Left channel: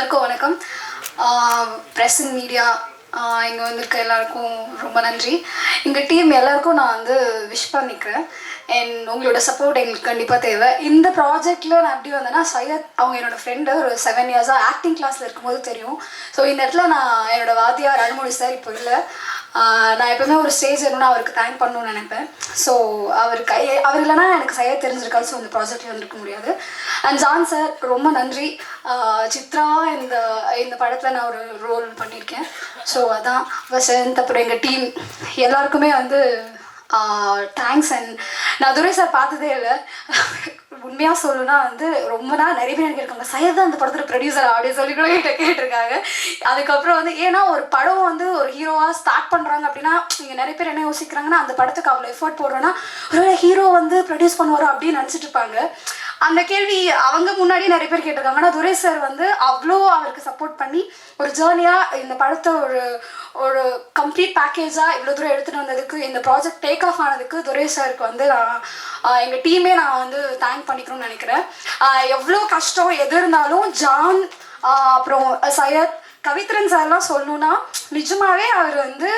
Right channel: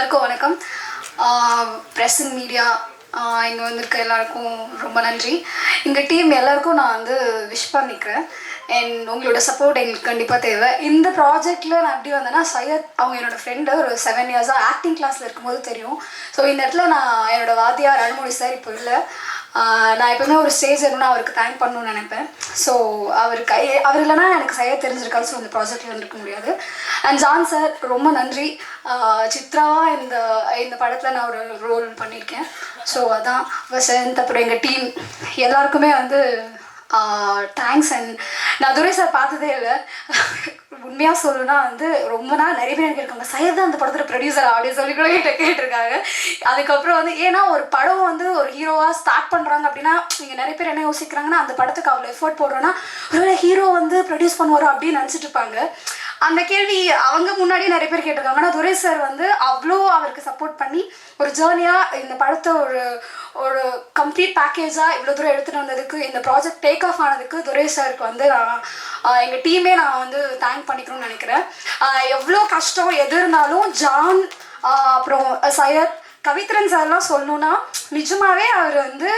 எல்லாருக்கும் வணக்கம். Press and media இங்கே வந்திருக்க எல்லாருக்கும் ரொம்ப நன்றி. எங்கள் டீம் எல்லாருக்கும் நான் வந்து விஷ் பண்ணிக்கிறேன். அண்ட் உங்களோட சப்போர்ட் எங்களுக்கு கண்டிப்பாக தேவை. இந்த ப்ராஜெக்டில் நான் எப்படி வந்தேன்னா, சையத் அவங்க என்னோடய ஃப்ரெண்டு, ஒரு 7 இயர்ஸாக ஆக்டிங் கிளாஸில் இருக்கும்போது தெரியும். ஸோ இந்த இடத்துல நான் என்னோடய வாத்தியார் அருள்மொழி சார் இப்போ இல்லை. நான் எப்பவுமே ஒரு ஸ்டேஜ் வேணும்னா அவருக்கு தேங்க் பண்ணணும்னு நினைப்பேன். ஸோ அவர் இல்லைனா எனக்கு சையத் தெரிஞ்சிருக்காது. ஸோ இந்த ப்ராஜெக்டில் இருக்க முடியாது. அண்ட் ஜான் சார் ரொம்ப நன்றி. சித்ராவாக இந்த படத்தில் நான் ஒரு ரோல் பண்ணியிருக்கேன். ஸோ அதான் வசந்த், அப்புறம் எங்கள் டீம் எல்லாருக்குமே வந்து தேங்க்ஸ். அண்ட் நான் துரை சார் பார்த்ததே இல்லை. உண்மையாக சொல்லணும்னா வந்து ரொம்ப நாள் நிறைய பேர் எனக்கு இருக்காங்க, சையத் தான் அந்த படத்தில் ப்ரொடியூசர் அப்படின்னு சொல்லி கூட என்கிட்ட கேட்டிருக்காங்க. அதுக்கப்புறம் வந்து ஏன்னா ஒரு படம் வந்து ஒரு ஹீரோவாக ஸ்டார்ட் பண்ணுறாங்க அப்படின்னா இங்கே நிறைய பேர் என்ன யோசிக்கிறாங்கன்னா, அந்த படத்துக்கு அவ்வளோ எஃபர்ட் போடுறோன்னா ஒரு ஹீரோ வந்து ப்ரொடியூஸ் பண்ணுவாரோ அப்படின்னு நினச்சிட்டு இருப்பாங்க. அந்த கேள்வி அவங்க முன்னாடி நிறைய பேர் கேட்டிருக்காங்க. ஆனால் துரை சார் வந்து அவ்வளோ அவருக்கு சப்போர்ட் பண்ணி ஒரு ஜேர்னியாக இந்த படத்தை ஒரு கம்ப்ளீட் பேக்கேஜாக இவ்வளோ தூரம் எடுத்துகிட்டு வந்ததுக்கு, இந்த ப்ராஜெக்ட் டேக் ஆஃப் ஆனதுக்கு துரை சாருக்கு வந்து எங்கள் டீமே நான் வந்து தேங்க் பண்ணிக்கணும்னு நினைக்கிறேன். எவ்வளோ கஷ்டம் எது இருந்தாலும் ஜான், அப்புறம் சையத், கவித்ரன் சார்லாம் சொல்லணுன்னா நிஜமாகவே அவர் வந்து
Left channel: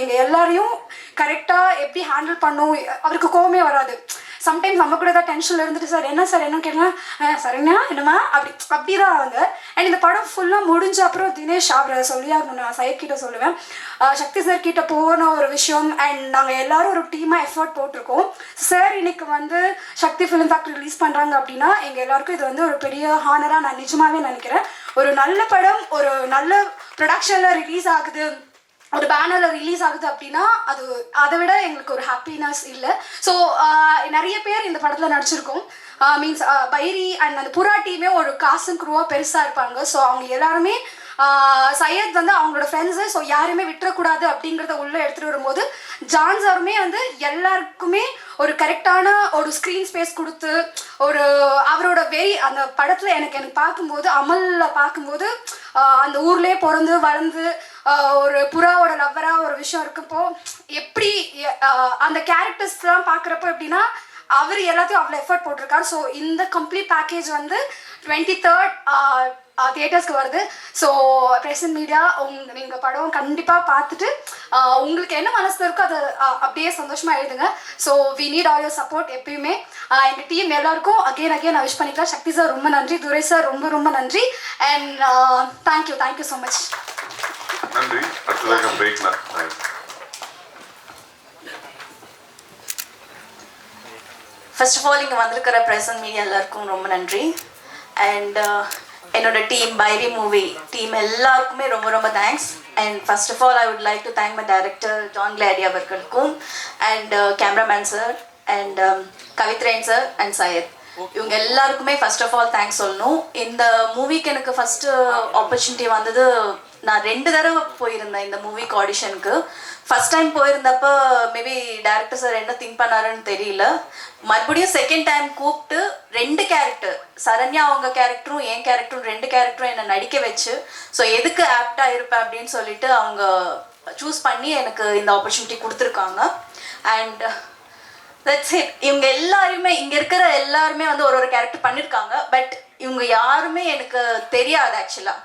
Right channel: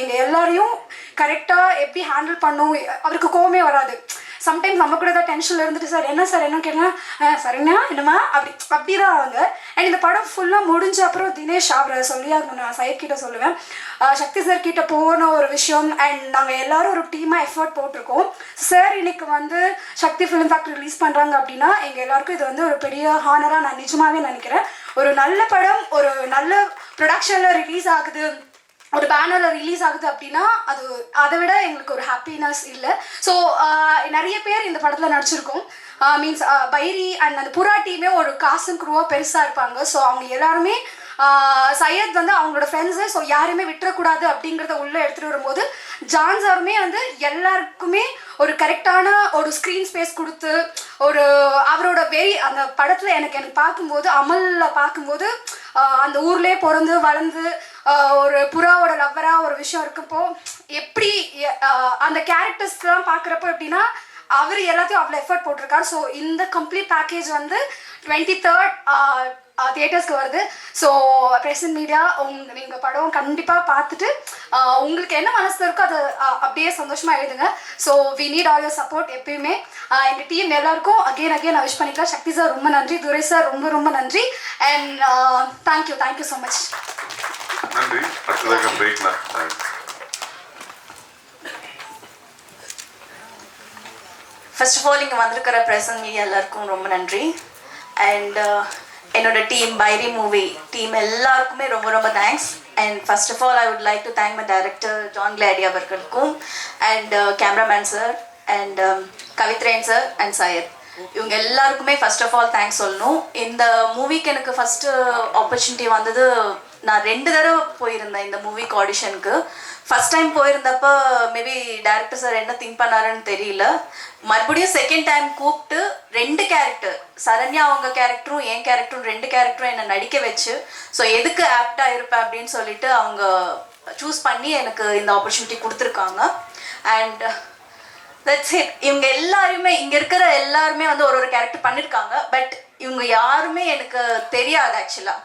எங்கள் எல்லாரையும் கரெக்டாக எப்படி ஹேண்டில் பண்ணும். அவருக்கு கோவமே வராது. சம்டைம்ஸ் நம்ம கூட தான் டென்ஷனில் இருந்துட்டு சார் என்னன்னு கேட்கலாம், சரிண்ணா என்னம்மா அப்படி தான் அவங்க. அண்ட் இந்த படம் ஃபுல்லாக முடிஞ்ச அப்புறம் தினேஷ் அவரை சொல்லி நான் சையத் கிட்ட சொல்லுவேன், சக்தி சார் கிட்ட போன ஒரு விஷயம். அண்ட் நாங்கள் எல்லாரும் ஒரு டீமாக எஃபர்ட் போட்டிருக்கோம். சார் இன்னைக்கு வந்து சக்தி ஃபிலிம் ஃபேக்டரி ரிலீஸ் பண்ணுறாங்க அப்படின்னா எங்கள் எல்லாருக்கும் இது வந்து ஒரு பெரிய ஹானராக நான் நிஜமாகவே நினைக்கிறேன். ஒரு நல்ல படம் ஒரு நல்ல ப்ரொடக்ஷனில் ரிலீஸ் ஆகுது, ஒரு பேனரில் ரிலீஸ் ஆகுது அப்படின்னா அதை விட எங்களுக்கு ஒரு ஹாப்பினஸ் இல்லை. ஸோ நிறைய பேர் இந்த படத்தில் நடிச்சிருக்கோம். மீன்ஸ் பைரி அண்ட் அந்த புறா டீமே ஒரு காசன் குருவாக பெருசாக இருப்பாங்க. ஸோ அவங்க எல்லாருமே சையத் வந்து அவங்களோட ஃப்ரெண்ட்ஸு, ஸோ யாருமே விட்டுறக்கூடாது அப்படிங்கிறத உள்ளே எடுத்துகிட்டு வரும்போது ஜான் சாருமே வந்து எல்லாருக்குமே ஒரு கரெக்டான ஒரு ஸ்க்ரீன் ஸ்பேஸ் கொடுத்து அவரோட அந்த படத்தில் எனக்கு பார்க்கும்போது அமலில் பார்க்கும்போது அந்த ஊர்லேயே பிறந்து வளர்ந்து ஒரு புறாவோட லவ்வராக ஒரு விஷயம் இருக்கப்போ எப்படி அந்த கேரக்டர்ஸ்லாம் பார்க்குறப்போ எப்படின்னா அவர் எல்லாத்தையும் அவ்வளோ எஃபர்ட் போட்டிருக்காரு. ஸோ இந்த கம்ப்ளீட் பேக்கேஜ் வந்து 23rd தியேட்டர்ஸ்க்கு வருது. ஸோ ப்ரெஸ் அண்ட் மீடியா நீங்கள் படம் கண்டிப்பாக பார்த்துட்டு உங்களுக்கு என்ன மனசில் இருக்கோ அதை அப்படியே சந்தோஷமாக எழுதுங்க. So we need all your support எப்பயுமே. எங்கள் டீம் எல்லாருக்கும் அகெயின் நான் விஷ் பண்ணிக்கலாம். சக்தி சார் ரொம்ப நன்றி, துரை சார் ரொம்ப ரொம்ப நன்றி. And thank you so much. நன்றி. அடுத்ததாக பிரேக்லாம். ஃபர்ஸ்ட் ஆஃப் ஆல் இங்கே வந்திருக்கிற ப்ரெஸ் அண்ட் மீடியா எல்லாருக்கும் ரொம்ப நன்றி. அண்ட் என்னோட டீம் பைரி மூவி டீம் எல்லாருக்குமே ரொம்ப ரொம்ப thanks. And first of all I would like to thank my director John Glady அவர்களுக்கும் and cameraman sir and Kavithren sir and Syed, இவங்க எல்லாருக்குமே ஃபர்ஸ்ட் ஆஃப் ஆல் தேங்க்ஸ் சொல்லணும். இந்த மூவிக்கு எனக்கு ஃபஸ்ட்டு ஆப்பர்ச்சுனிட்டி வந்தது, நான் 2 தடவை போயிருந்தேன் இந்த மூவிக்கு ஆடிஷனுக்கு. ஃபர்ஸ்ட் டைம் போயிருந்தப்போ மேபி டைரக்டர் சார் என்ன திங்க் பண்ணாருன்னு தெரியல. மறுபடியும் செகண்ட் டைம் கூப்பிட்டு 2 கேரக்டர், சரண்யா அவங்க கேரக்டரும் என் கேரக்டரும் 2 கேரக்டரும் என்னை நடிக்க வச்சு, ஸோ எதுக்கு ஆப்டாக இருப்பேன் அப்படின்னு சொல்லிட்டு அவங்க சூஸ் பண்ணி எனக்கு இந்த ஆப்பர்ச்சுனிட்டி கொடுத்துருக்காங்க. And that's it. இவங்க எல்லாருமே இங்கே இருக்கிற எல்லாருமே வந்து ஒரு கேரக்டர் பண்ணியிருக்காங்க. பட் இவங்க யாருமே எனக்கு தெரியாது. ஆக்சுவலாக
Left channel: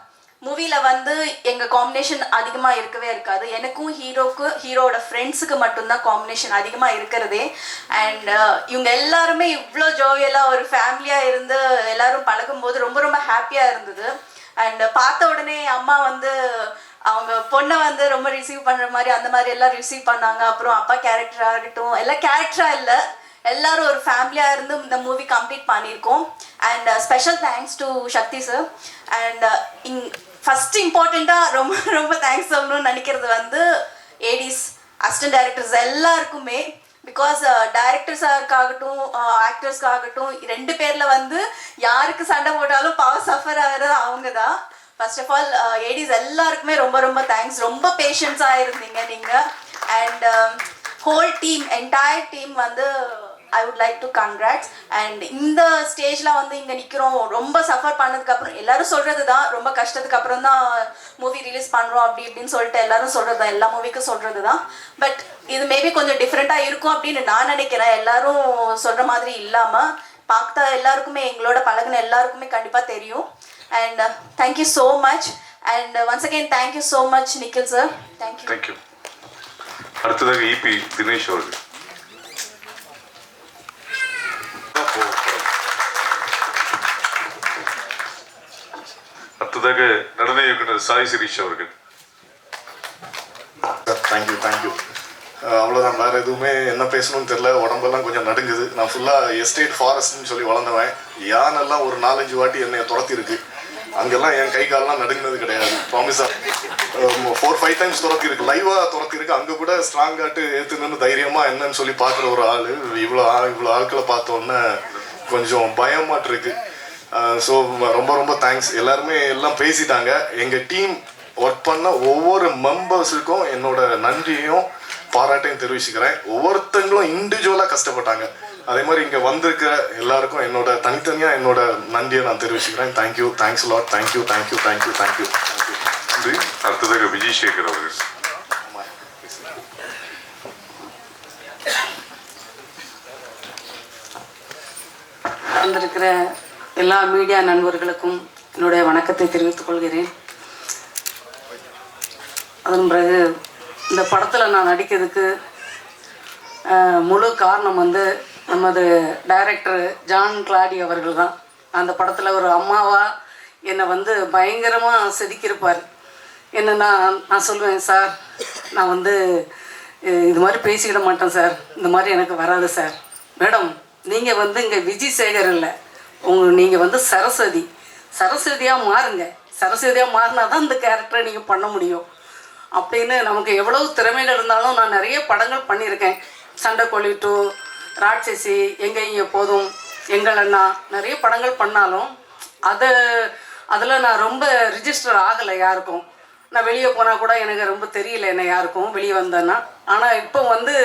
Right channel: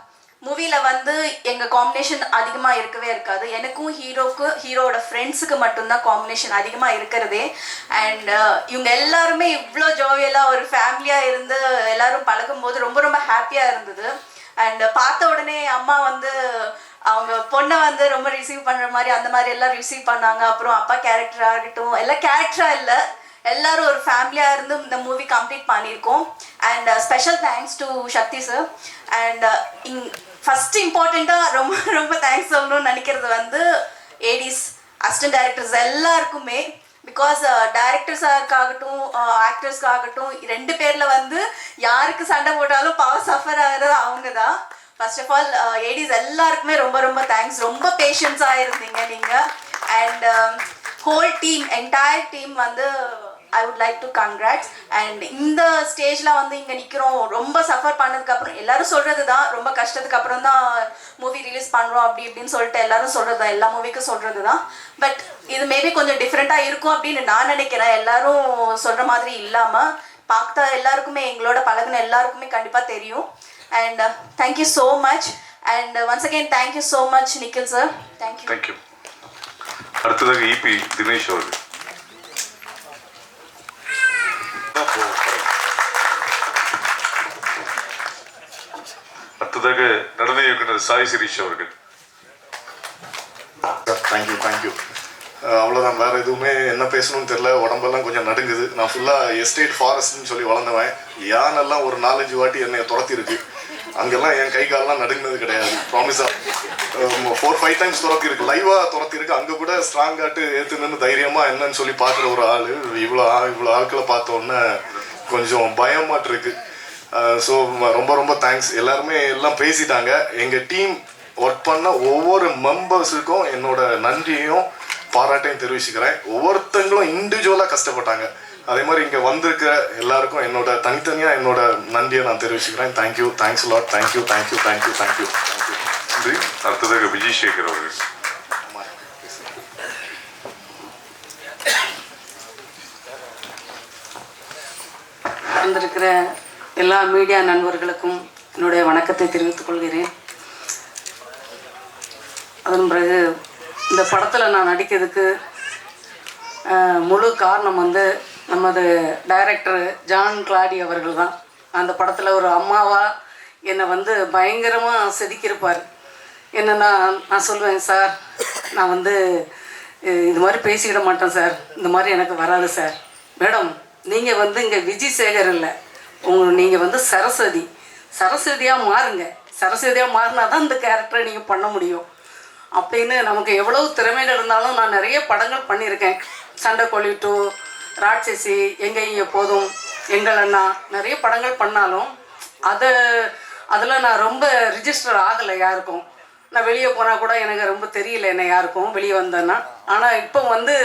மூவியில் வந்து எங்கள் காம்பினேஷன் அதிகமாக இருக்கவே இருக்காது. எனக்கும் ஹீரோவோட ஃப்ரெண்ட்ஸுக்கு மட்டும்தான் காம்பினேஷன் அதிகமாக இருக்கிறதே. அண்ட் இவங்க எல்லாருமே இவ்வளோ ஜோவியலாக ஒரு ஃபேமிலியாக இருந்து எல்லாரும் பழகும்போது ரொம்ப ரொம்ப ஹாப்பியாக இருந்தது. அண்ட் பார்த்த உடனே அம்மா வந்து அவங்க பொண்ணை வந்து ரொம்ப ரிசீவ் பண்ணுற மாதிரி அந்த மாதிரி எல்லாம் ரிசீவ் பண்ணாங்க. அப்புறம் அப்பா கேரக்டர் ஆகட்டும், எல்லாம் கேரக்டராக இல்லை, எல்லாரும் ஒரு ஃபேமிலியாக இருந்து இந்த மூவி கம்ப்ளீட் பண்ணியிருக்கோம். And special thanks to Shakti sir. And first இம்பார்ட்டண்ட்டாக ரொம்ப ரொம்ப தேங்க்ஸ் சொல்லணும்னு நினைக்கிறது வந்து ஏடிஸ், அசிஸ்டன்ட் டைரக்டர்ஸ் எல்லாருக்குமே. பிகாஸ் டைரக்டர்ஸாகட்டும் ஆக்டர்ஸ்க்காகட்டும் 2 பேரில் வந்து யாருக்கு சண்டை போட்டாலும் பவர் சஃபர் ஆகிறது அவங்க தான். ஃபர்ஸ்ட் ஆஃப் ஆல் ஏடிஸ் எல்லாருக்குமே ரொம்ப ரொம்ப தேங்க்ஸ். ரொம்ப பேஷன்ஸாக இருந்தீங்க நீங்கள். And whole team, entire team வந்து I would like to congrats. And இந்த ஸ்டேஜில் வந்து இங்கே நிற்கிறோம், ரொம்ப சஃபர் பண்ணதுக்கப்புறம் எல்லாரும் சொல்கிறது தான், ரொம்ப கஷ்டத்துக்கு அப்புறம் தான் மூவி ரிலீஸ் பண்ணுறோம் அப்படி இப்படின்னு சொல்லிட்டு எல்லாரும் சொல்கிறது தான், எல்லா மூவிக்கும் சொல்கிறது தான். பட் இது மேபி கொஞ்சம் டிஃப்ரெண்ட்டாக இருக்கும் அப்படின்னு நான் நினைக்கிறேன். எல்லாரும் சொல்கிற மாதிரி இல்லாமல் பார்த்தா எல்லாருக்குமே, எங்களோட பழகின எல்லாருக்குமே கண்டிப்பாக தெரியும். And thank you so much. And once again, thank you so much, Nikhil sir. Thank you. Thank you. அடுத்ததாக இபி தினேஷ் அவர்கள். அடுத்ததாக நடன இயக்குனர் சாய் சிரீஷ் அவர்கள். தேங்க்யூ. அவ்வளோதான், வேறு எதுவுமே என்ன பேசணும்னு தெரில. உடம்பெல்லாம் கொஞ்சம் நடுங்குது. நான் ஃபுல்லாக எஸ்டேட் ஃபாரஸ்ட்னு சொல்லி வளர்ந்தவன். யானெல்லாம் ஒரு 4-5 வாட்டி என்னை துரத்திருக்கு. அங்கெல்லாம் என் கை காலெல்லாம் நடுங்கினது கிடையாது. ப்ராமிஸாக 4-5 டைம்ஸ் துரத்திருக்கு, லைவாக துரத்திருக்கு. அங்கே கூட ஸ்ட்ராங்காட்டு ஏற்றுன்னு தைரியமாக என்னன்னு சொல்லி பார்க்குற ஒரு ஆள். இவ்வளோ ஆட்களை பார்த்தோன்னே கொஞ்சம் பயமாட்டு இருக்கு. ஸோ ரொம்ப தேங்க்ஸ். எல்லாருமே எல்லாம் பேசிட்டாங்க. எங்கள் டீம் ஒர்க் பண்ண ஒவ்வொரு மெம்பர்ஸுக்கும் என்னோட நன்றியையும் பாராட்டையும் தெரிவிச்சுக்கிறேன். ஒவ்வொருத்தங்களும் இண்டிவிஜுவலாக கஷ்டப்பட்டாங்க. அதே மாதிரி இங்கே வந்திருக்கிற எல்லாருக்கும் என்னோட தனித்தனியாக என்னோட நன்றியை நான் தெரிவிச்சுக்கிறேன். Thank you, thanks lot. தேங்க்யூ. நன்றி. அடுத்ததாக விஜய் சேகர் அவர்கள். வந்திருக்கிற எல்லா மீடியா நண்பர்களுக்கும் என்னுடைய வணக்கத்தை தெரிவித்துக் கொள்கிறேன். அதன் பிறகு இந்த படத்தில் நான் நடிக்கிறதுக்கு முழு காரணம் வந்து நமது டைரக்டர் ஜான் கிளாடி அவர்கள் தான். அந்த படத்தில் ஒரு அம்மாவாக என்னை வந்து பயங்கரமாக செதுக்கியிருப்பார். என்னென்னா நான் சொல்லுவேன், சார் நான் வந்து இது மாதிரி பேசிக்கிட மாட்டேன் சார், இந்த மாதிரி எனக்கு வராது சார். மேடம் நீங்கள் வந்து இங்கே விஜய் சேகர் இல்லை, நீங்கள் வந்து சரஸ்வதியாக மாறுங்க. சரஸ்வதியாக மாறினா தான் இந்த கேரக்டரை நீங்கள் பண்ண முடியும் அப்படின்னு. நமக்கு எவ்வளவு திறமைகள் இருந்தாலும் நான் நிறைய படங்கள் பண்ணியிருக்கேன். சண்டைக்கோழி 2, ராட்சசி, எங்கே இங்கே போதும், எங்கள் அண்ணா, நிறைய படங்கள் பண்ணாலும் அதில் நான் ரொம்ப ரிஜிஸ்டர் ஆகலை யாருக்கும். நான் வெளியே போனால் கூட எனக்கு ரொம்ப தெரியல என்ன யாருக்கும் வெளியே வந்தேன்னா. ஆனால் இப்போ வந்து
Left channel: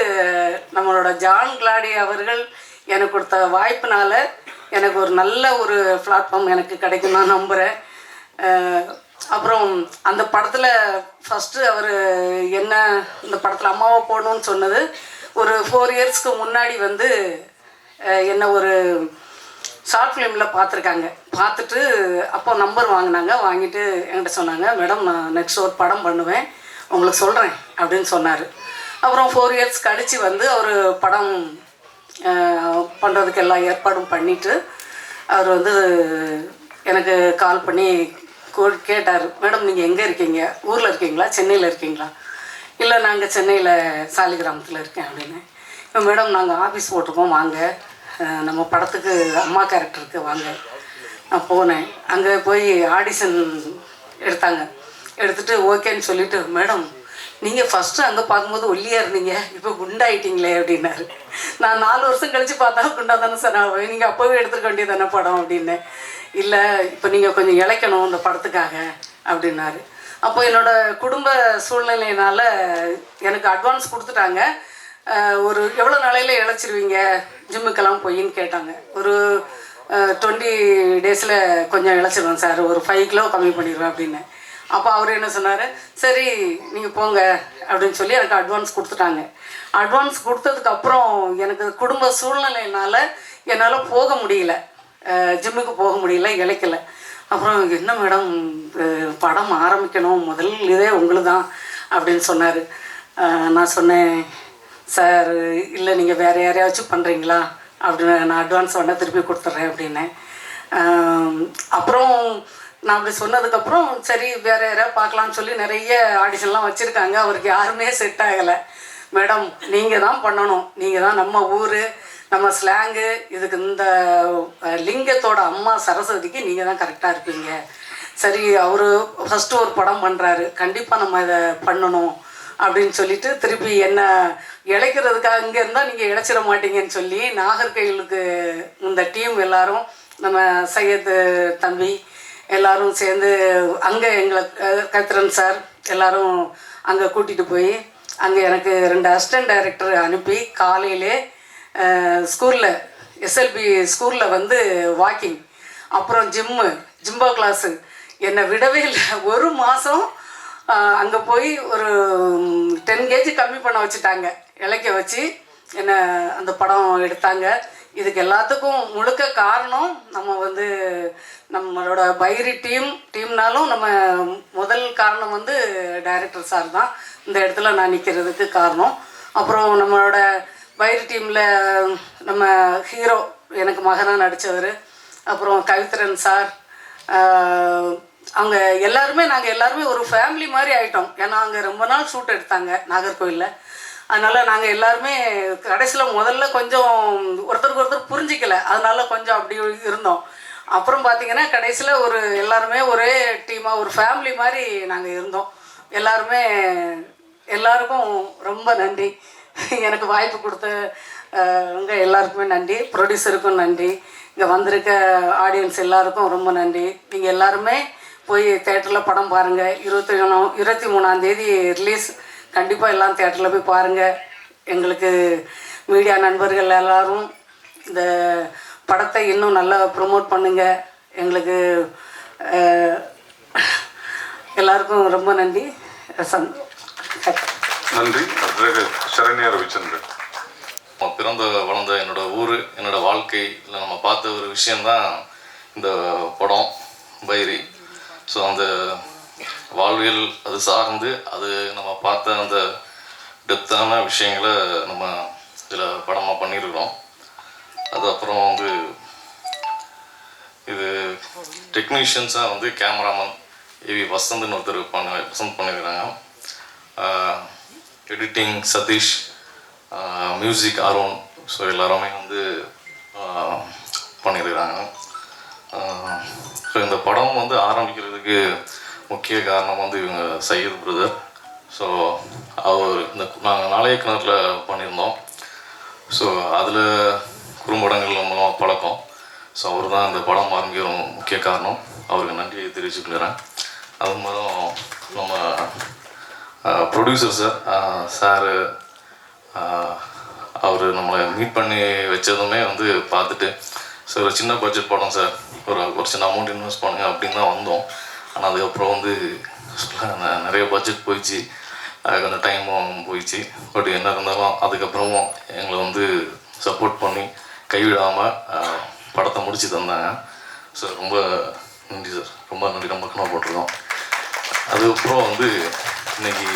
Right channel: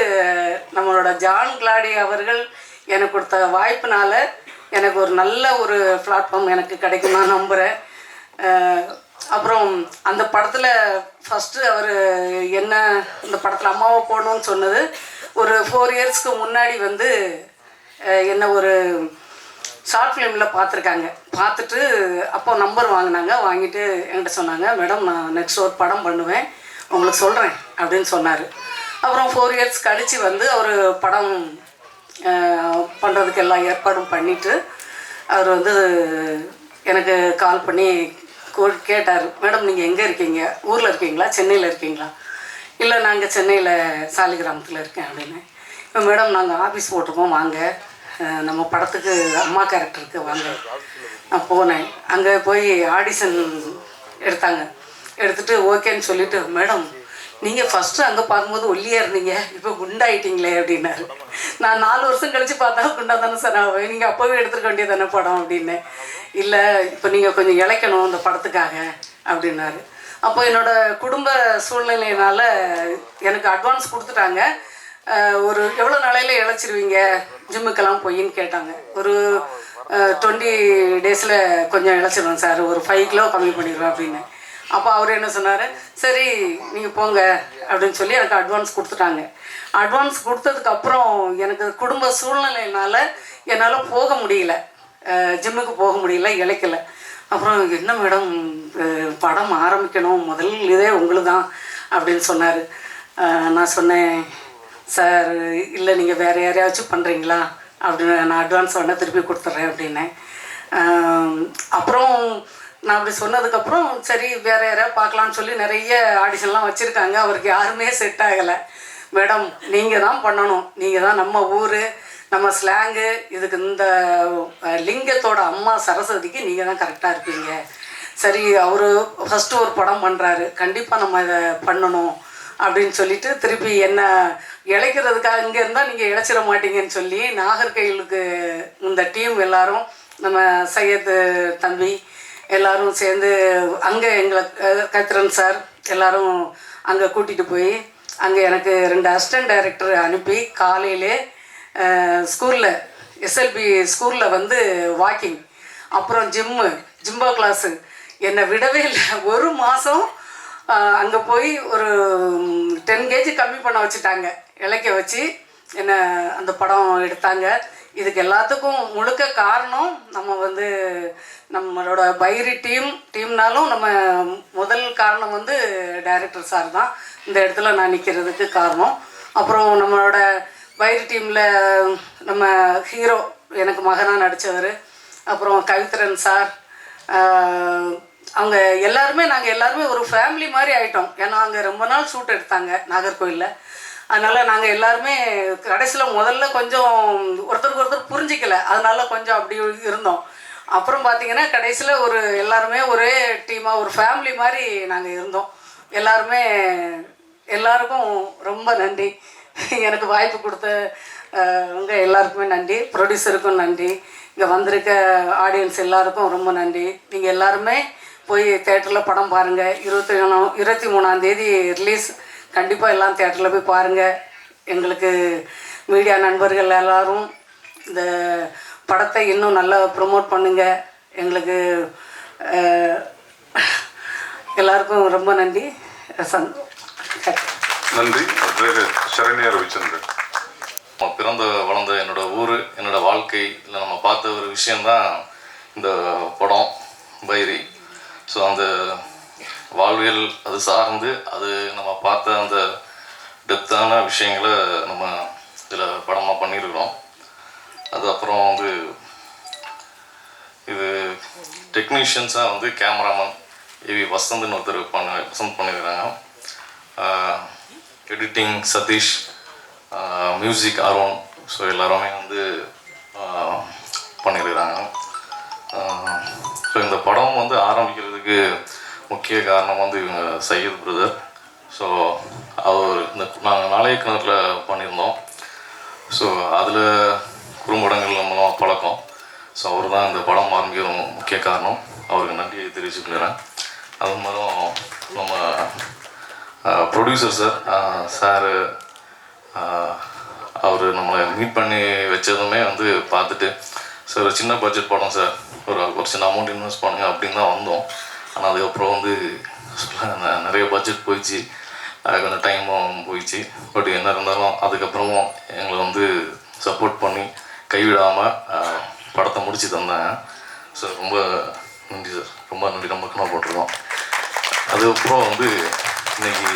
நம்மளோட ஜான் கிளாடி அவர்கள் எனக்கு கொடுத்த வாய்ப்பினால எனக்கு ஒரு நல்ல ஒரு பிளாட்ஃபார்ம் எனக்கு கிடைக்கும் நான் நம்புகிறேன். அப்புறம் அந்த படத்தில் ஃபஸ்ட்டு அவர் என்ன இந்த படத்தில் அம்மாவை போடணும்னு சொன்னது ஒரு 4 இயர்ஸ்க்கு முன்னாடி வந்து என்ன ஒரு ஷார்ட் ஃபிலிமில் பார்த்துருக்காங்க. பார்த்துட்டு அப்போ நம்பர் வாங்கிட்டு என்கிட்ட சொன்னாங்க, மேடம் நான் நெக்ஸ்ட் ஒரு படம் பண்ணுவேன் உங்களுக்கு சொல்கிறேன் அப்படின்னு சொன்னார். அப்புறம் 4 இயர்ஸ் கழித்து வந்து அவர் படம் பண்ணுறதுக்கு எல்லா ஏற்பாடும் பண்ணிவிட்டு அவர் வந்து எனக்கு கால் பண்ணி கேட்டார், மேடம் நீங்கள் எங்கே இருக்கீங்க, ஊரில் இருக்கீங்களா சென்னையில் இருக்கீங்களா? இல்லை நாங்கள் சென்னையில் சாலிகிராமத்தில் இருக்கேன் அப்படின்னு. இப்போ மேடம் நாங்கள் ஆஃபீஸ் போட்டிருக்கோம், வாங்க நம்ம படத்துக்கு அம்மா கேரக்டருக்கு வாங்க. நான் போனேன். அங்கே போய் ஆடிஷன் எடுத்துகிட்டு ஓகேன்னு சொல்லிவிட்டு, மேடம் நீங்கள் ஃபஸ்ட்டு அங்கே பார்க்கும்போது ஒல்லியாக இருந்தீங்க, இப்போ குண்டாயிட்டீங்களே அப்படின்னாரு. நான் 4 வருஷம் கழித்து பார்த்தா குண்டா தானே சார் ஆகும், நீங்கள் அப்போவே எடுத்துக்க வேண்டியது தானே படம் அப்படின்னு. இல்லை இப்போ நீங்கள் கொஞ்சம் இழைக்கணும் இந்த படத்துக்காக அப்படின்னாரு. அப்போ என்னோடய குடும்ப சூழ்நிலையினால் எனக்கு அட்வான்ஸ் கொடுத்துட்டாங்க. ஒரு எவ்வளோ நாளையில் இழைச்சிருவீங்க ஜிம்முக்கெல்லாம் போயின்னு கேட்டாங்க. ஒரு 20 டேஸில் கொஞ்சம் இழைச்சிருவேன் சார், ஒரு 5 கிலோ கம்மி பண்ணிடுவேன் அப்படின்னு. அப்போ அவர் என்ன சொன்னார், சரி நீங்கள் போங்க அப்படின்னு சொல்லி எனக்கு அட்வான்ஸ் கொடுத்துட்டாங்க. அட்வான்ஸ் கொடுத்ததுக்கப்புறம் எனக்கு குடும்ப சூழ்நிலையினால் என்னால் போக முடியல, ஜிம்முக்கு போக முடியல, இழைக்கலை. அப்புறம் என்ன மேடம் படம் ஆரம்பிக்கணும், முதல் இதே உங்களுக்கு தான் அப்படின்னு சொன்னார். நான் சொன்னேன், சார் இல்லை நீங்கள் வேறு யாரையாச்சும் பண்ணுறீங்களா அப்படின்னு, நான் அட்வான்ஸ் வேணால் திருப்பி கொடுத்துட்றேன் அப்படின்னேன். அப்புறம் நான் அப்படி சொன்னதுக்கப்புறம் சரி வேறு யாராவது பார்க்கலான்னு சொல்லி நிறைய ஆடிஷன்லாம் வச்சுருக்காங்க. அவருக்கு யாருமே செட் ஆகலை. மேடம் நீங்கள் தான் பண்ணணும், நீங்கள் தான் நம்ம ஊர் நம்ம ஸ்லாங்கு இதுக்கு இந்த லிங்கத்தோட அம்மா சரஸ்வதிக்கு நீங்கள் தான் கரெக்டாக இருப்பீங்க. சரி அவர் ஃபஸ்ட்டு ஒரு படம் பண்ணுறாரு, கண்டிப்பாக நம்ம இதை பண்ணணும் அப்படின்னு சொல்லிட்டு திருப்பி என்ன இழைக்கிறதுக்காக இங்கே இருந்தால் நீங்கள் இழைச்சிட மாட்டீங்கன்னு சொல்லி நாகர்கோயிலுக்கு இந்த டீம் எல்லாரும் நம்ம சையத் தம்பி எல்லோரும் சேர்ந்து அங்கே எங்களை கத்திரன் சார் எல்லோரும் அங்கே கூட்டிகிட்டு போய் அங்கே எனக்கு 2 அசிஸ்டன்ட் டைரக்டர் அனுப்பி காலையிலே ஸ்கூலில் எஸ்எல்பி ஸ்கூலில் வந்து வாக்கிங், அப்புறம் ஜிம்பா கிளாஸு என்னை விடவே இல்லை. ஒரு மாதம் அங்கே போய் ஒரு 10 kg கம்மி பண்ண வச்சுட்டாங்க, இழைக்க வச்சு என்னை அந்த படம் எடுத்தாங்க. இதுக்கு எல்லாத்துக்கும் முழுக்க காரணம் நம்ம வந்து நம்மளோட பைரி டீம்னாலும் நம்ம முதல் காரணம் வந்து டைரக்டர் சார் தான் இந்த இடத்துல நான் நிற்கிறதுக்கு காரணம். அப்புறம் நம்மளோட பைரி டீமில் நம்ம ஹீரோ எனக்கு மகனாக நடித்தவர், அப்புறம் கவித்ரன் சார், அங்கே நாங்கள் எல்லாருமே ஒரு ஃபேமிலி மாதிரி ஆகிட்டோம். ஏன்னா அங்கே ரொம்ப நாள் ஷூட் எடுத்தாங்க நாகர்கோவிலில். அதனால் நாங்கள் எல்லாருமே கடைசியில் முதல்ல கொஞ்சம் ஒருத்தருக்கு ஒருத்தர் புரிஞ்சிக்கல, அதனால கொஞ்சம் அப்படி இருந்தோம். அப்புறம் பார்த்திங்கன்னா கடைசியில் எல்லாருமே ஒரே டீமாக ஒரு ஃபேமிலி மாதிரி நாங்கள் இருந்தோம். எல்லாருக்கும் ரொம்ப நன்றி. எனக்கு வாய்ப்பு கொடுத்தவங்க எல்லாருக்குமே நன்றி, ப்ரொடியூசருக்கும் நன்றி, இங்கே வந்திருக்க ஆடியன்ஸ் எல்லாருக்கும் ரொம்ப நன்றி. நீங்கள் எல்லாருமே போய் தேட்டரில் படம் பாருங்கள். 23ஆம் தேதி ரிலீஸ். கண்டிப்பாக எல்லாம் தேட்டரில் போய் பாருங்கள். எங்களுக்கு மீடியா நண்பர்கள் எல்லோரும் இந்த படத்தை இன்னும் நல்லா ப்ரொமோட் பண்ணுங்கள். எங்களுக்கு எல்லாருக்கும் ரொம்ப நன்றி. நன்றி. சரண்யா ரவிச்சந்திரன். பிறந்த வளர்ந்த என்னோட ஊர், என்னோட வாழ்க்கை, இல்லை நம்ம பார்த்த ஒரு விஷயந்தான் இந்த படம் பைரி. ஸோ அந்த வாழ்வியல் அது சார்ந்து அது நம்ம பார்த்த அந்த டெப்த்தான விஷயங்களை நம்ம இதில் படமாக பண்ணியிருக்கிறோம். அது அப்புறம் வந்து இது டெக்னீஷியன்ஸாக வந்து கேமராமேன் ஏவி வசந்த்னு ஒருத்தர் வசந்த் பண்ணியிருக்காங்க. Editing Satish, music Arun. So எல்லாருமே வந்து பண்ணியிருக்கிறாங்க. ஸோ இந்த படம் வந்து ஆரம்பிக்கிறதுக்கு முக்கிய காரணம் வந்து இவங்க சையத் பிரதர். ஸோ அவர் நாங்கள் நாளைய கிணறில் பண்ணியிருந்தோம். ஸோ அதில் குறும்படங்கள் நம்ம பழக்கம். ஸோ அவர் தான் இந்த படம் ஆரம்பிக்கிற முக்கிய காரணம். அவருக்கு நன்றியை தெரிவிச்சுக்கிறேன். அது மாதிரி நம்ம ப்ரொடியூசர் சார் அவர் நம்மளை மீட் பண்ணி வச்சதுமே வந்து பார்த்துட்டு, சார் ஒரு சின்ன பட்ஜெட் படம் சார், ஒரு சின்ன அமௌண்ட் இன்வெஸ்ட் பண்ணுங்க அப்படின்னு தான் வந்தோம். ஆனால் அதுக்கப்புறம் வந்து நிறைய பட்ஜெட் போயிடுச்சு, கொஞ்சம் டைமும் போயிடுச்சு. பட் என்ன இருந்தாலும் அதுக்கப்புறமும் எங்களை வந்து சப்போர்ட் பண்ணி கைவிடாமல் படத்தை முடித்து தந்தாங்க. சார் ரொம்ப நன்றி சார், ரொம்ப நன்றி. நம்ம கணக்கு போட்டிருக்கோம். அதுக்கப்புறம் வந்து இன்னைக்கு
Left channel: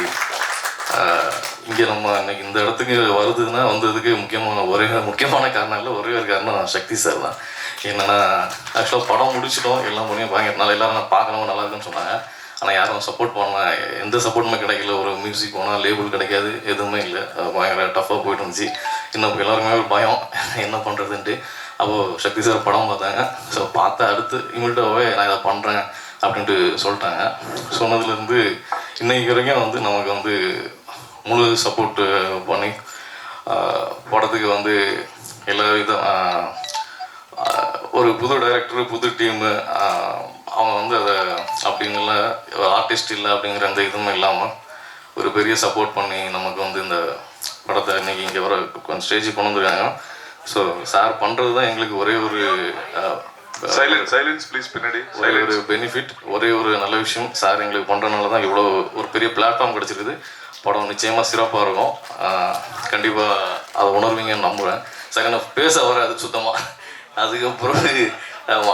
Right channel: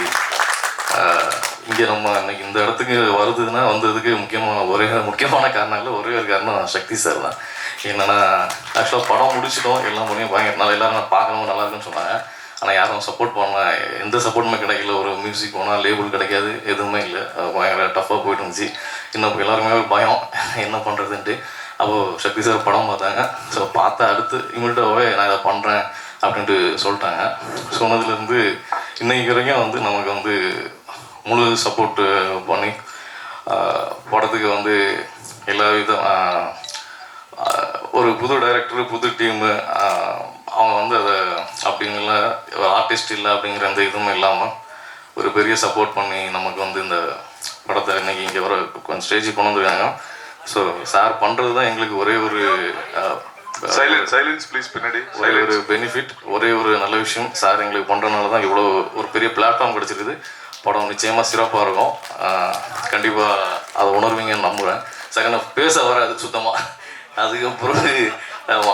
இங்கே நம்ம இன்னைக்கு இந்த இடத்துக்கு வருதுன்னா வந்ததுக்கு முக்கியமான காரணம் இல்லை, ஒரே ஒரு காரணம் சக்தி சார் தான். என்னென்னா ஆக்சுவலாக படம் முடிச்சிட்டோம், எல்லாம் பண்ணி பயங்கர நாள் எல்லோரும் நான் பார்க்கணும் நல்லா இருக்குன்னு சொன்னாங்க. ஆனால் யாரும் சப்போர்ட் பண்ணல, எந்த சப்போர்ட்டுமே கிடைக்கல. ஒரு மியூசிக் போனால் லேபிள் கிடைக்காது, எதுவுமே இல்லை. பயங்கர டஃப்பாக போயிட்டு இருந்துச்சு. இன்னும் எல்லாருமே பயம் என்ன பண்ணுறதுன்ட்டு. அப்போது சக்தி சார் படம் பார்த்தாங்க. ஸோ பார்த்த அடுத்து இமிடியட்டாகவே நான் இதை பண்ணுறேன் அப்படின்ட்டு சொல்லிட்டாங்க. சொன்னதுலேருந்து இன்னைக்கு வரைக்கும் வந்து நமக்கு வந்து முழு சப்போர்ட்டு பண்ணி படத்துக்கு வந்து எல்லா ஒரு புது டைரக்டர், புது டீமு, அவங்க வந்து அதை அப்படிங்கிற ஆர்டிஸ்ட் இல்லை அப்படிங்கிற அந்த இதுவும் இல்லாமல் ஒரு பெரிய சப்போர்ட் பண்ணி நமக்கு வந்து இந்த படத்தை இன்றைக்கி இங்கே வர கொஞ்சம் ஸ்டேஜுக்கு கொண்டு வந்துருக்காங்க. ஸோ சார் பண்ணுறது தான் எங்களுக்கு ஒரே ஒரு சைலன்ஸ் ப்ளீஸ், பின்னாடி ஒரு பெனிஃபிட், ஒரே ஒரு நல்ல விஷயம். சார் எங்களுக்கு பண்ணுறதுனால தான் இவ்வளோ ஒரு பெரிய பிளாட்ஃபார்ம் கிடச்சிருக்குது. படம் நிச்சயமாக சிறப்பாக இருக்கும். கண்டிப்பாக அதை உணர்வீங்கன்னு நம்புகிறேன். சார் எனக்கு பேச வராது சுத்தமாக. அதுக்கப்புறம்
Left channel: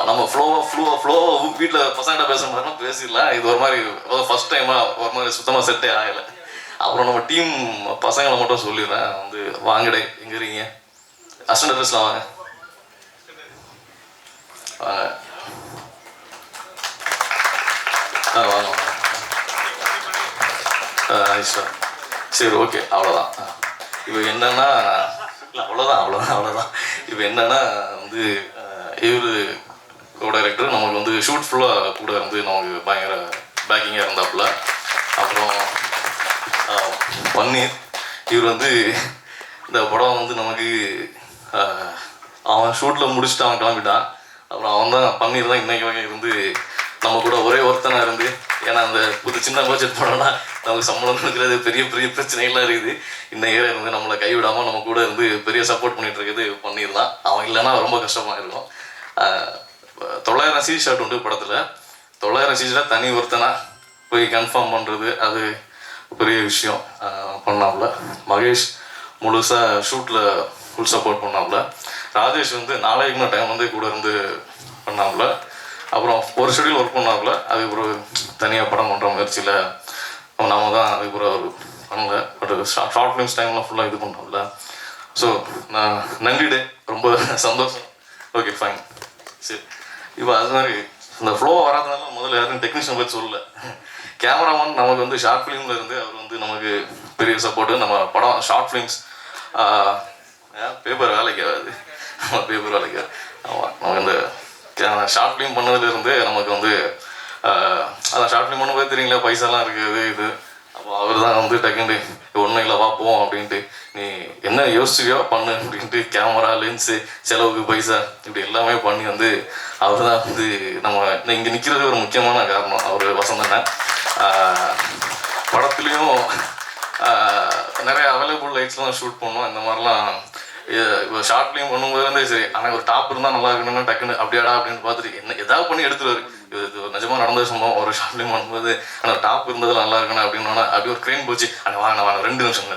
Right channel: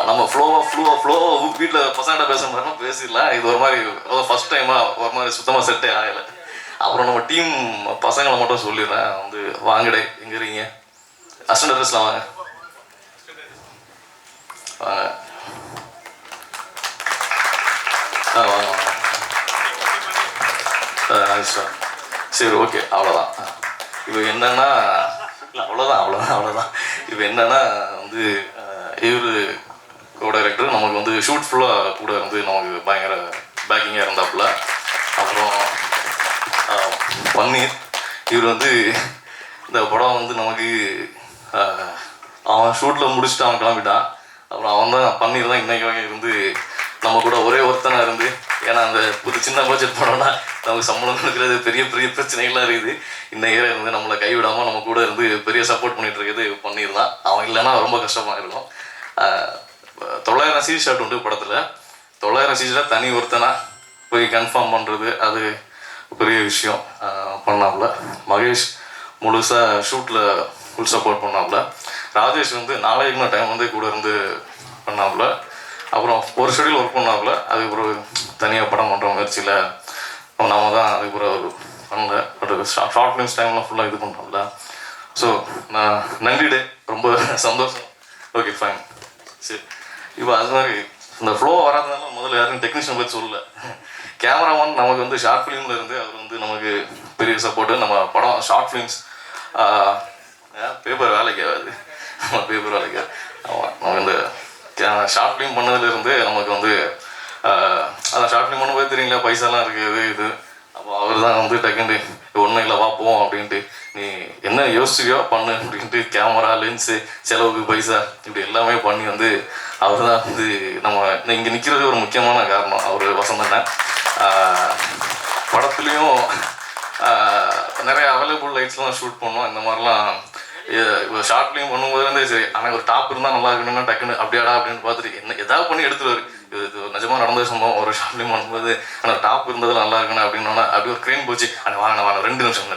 நம்ம ஃப்ளோவாக வீட்டில் பசங்கிட்ட பேசுகிற மாதிரினா பேசிடலாம். இது ஒரு மாதிரி ஃபஸ்ட் டைமாக ஒரு மாதிரி சுத்தமாக செட்டே ஆகலை. அப்புறம் நம்ம டீம் பசங்களை மட்டும் சொல்லிடுறேன். வந்து வாங்கடே, எங்கே இருக்கீங்க? அசிஸ்டன்ட் ட்ரெஸ்லாம் வாங்க வாங்க. சரி, ஓகே, அவ்வளோதான். இப்போ என்னன்னா அவ்வளோதான். இப்போ என்னன்னா வந்து இவர் டைரக்டர் நமக்கு வந்து ஷூட் ஃபுல்லாக கூட இருந்து நமக்கு பயங்கர பேக்கிங்காக இருந்தாப்புல. அப்புறம் பன்னீர், இவர் வந்து இந்த படம் வந்து நமக்கு அவன் ஷூட்டில் முடிச்சுட்டு அவன் கிளம்பிட்டான். அப்புறம் அவன் தான் பன்னீர் தான் இன்னைக்கு வகை வந்து நம்ம கூட ஒரே ஒருத்தனாக இருந்து, ஏன்னா அந்த சின்ன பட்ஜெட் படம்னா நமக்கு சம்பளம் கொடுக்குறது பெரிய பிரச்சனைகள்லாம் இருக்குது. இன்னைக்கு இருந்து நம்மளை கைவிடாமல் நம்ம கூட இருந்து பெரிய சப்போர்ட் பண்ணிட்டு இருக்கிறது பன்னீர் தான். அவன் இல்லைன்னா ரொம்ப கஷ்டமாக இருக்கும். 900 சீட் ஷாட் உண்டு படத்தில். 900 சீட்டில் தனி ஒருத்தனாக போய் கன்ஃபார்ம் பண்ணுறது அது பெரிய விஷயம். பண்ணாப்புல மகேஷ் முழுசாக ஷூட்டில் ஃபுல் சப்போர்ட் பண்ணாப்புல. ராஜேஷ் வந்து நாளைக்கு டைம் வந்து கூட இருந்து பண்ணாப்புல. அப்புறம் ஒரு ஷெடியூல் ஒர்க் பண்ணாப்புல. அதுக்கப்புறம் தனியாக படம் பண்ணுற முயற்சியில் நாம தான் அதுக்கப்புறம் ஒரு பண்ணல. பட் ஷார்ட் ஃபிலிம்ஸ் டைம்லாம் ஃபுல்லாக இது பண்ணுறோம்ல. ஸோ நான் நன்றிடே, ரொம்ப சந்தோஷம். Okay fine. சரி, இப்போ அது மாதிரி இந்த ஃப்ளோ வராதனால முதல்ல யாரும் டெக்னீஷியன் பற்றி சொல்லல. கேமராமேன் நமக்கு வந்து ஷார்ட் ஃபிலிமில் இருந்து அவர் வந்து நமக்கு பெரிய சப்போர்ட்டு. நம்ம படம் ஷார்ட் ஃபிலிம்ஸ் பேப்பர் வேலைக்கு ஆகாது, பேப்பர் வேலைக்கு. ஆமாம், நம்ம இந்த ஷார்ட் ஃபிலிம் பண்ணதுலேருந்து நமக்கு வந்து அதான் ஷார்ட் ஃபிலிம் பண்ணும்போது தெரியுங்களா பைசாலாம் இருக்குது இது. அப்போ அவர் தான் வந்து டக்குண்டு ஒன்றும் இல்லை வா போவோம் அப்படின்ட்டு, நீ என்ன யோசிச்சியோ பண்ணு அப்படின்ட்டு கேமரா லென்ஸு செலவுக்கு பைசா இப்படி எல்லாமே பண்ணி வந்து அவர் தான் வந்து நம்ம இங்கே நிற்கிறது ஒரு முக்கியமான காரணம். அவர் வசந்தண்ணன் படத்துலேயும் நிறைய அவைலபிள் லைட்ஸ்லாம் ஷூட் பண்ணோம். இந்த மாதிரிலாம் இப்போ ஷார்ட் ஃபிலிம் பண்ணும்போது வந்து சரி, ஆனால் ஒரு டாப் இருந்தால் நல்லா இருக்கணும்னா டக்குன்னு அப்படியாடா அப்படின்னு பார்த்துட்டு என்ன எதாவது பண்ணி எடுத்துருவாரு. இது நிஜமாக நடந்தது சம்பவம். ஒரு ஷார்ட் ஃபிலிம் பண்ணும்போது ஆனால் டாப் இருந்தது நல்லா இருக்கணும் அப்படின்னா அப்படி ஒரு க்ரெயின் போச்சு. அந்த வாங்க 2 நிமிஷம்